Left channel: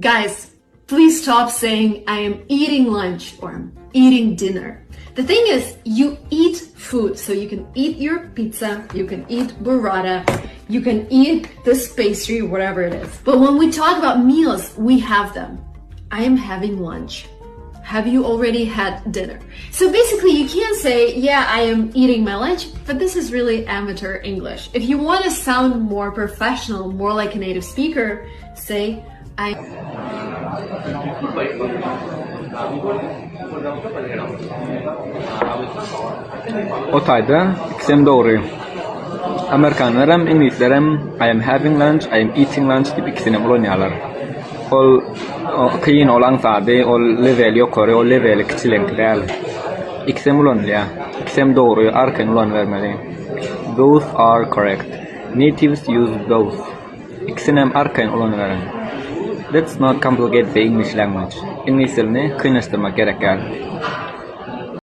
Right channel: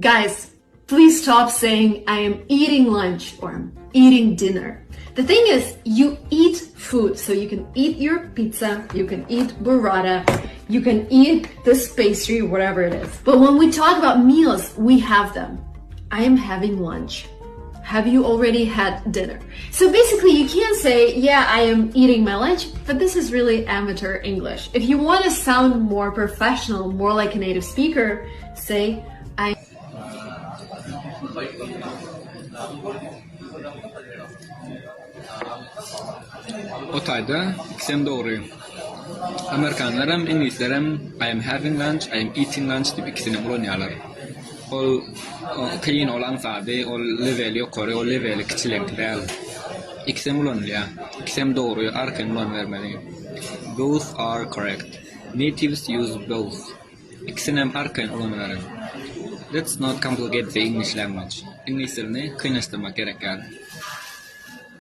Guys, please stop saying I am eating lunch or I'm eating dinner. The thing is, you eat food, so you can eat your pizza, you can eat burrata, you can eat this pastry, whatever it is. But when we talk about meals, we have them. I am having lunch. Have you already had dinner? So basically you can't say, yeah, I am eating my lunch, but this is really amateur English. If you want to sound more professional, more like a native speaker, say, I... Otayda ikisem doğru. Amerikanlarım, İngilizlerim I am having lunch, I am eating lunch dip ikisini ulanyalar. Ol kıyın olan zade, ol level yukarı, ol level kiçilenkler. İkisem ulanlya. İkisem doğru, arkan ulan vermeli. Both are correct. Natives use both. İkisinem arkan ulan veren. Let's not complicate the English language. İngiliz dilini kıynaştırmak gerekir.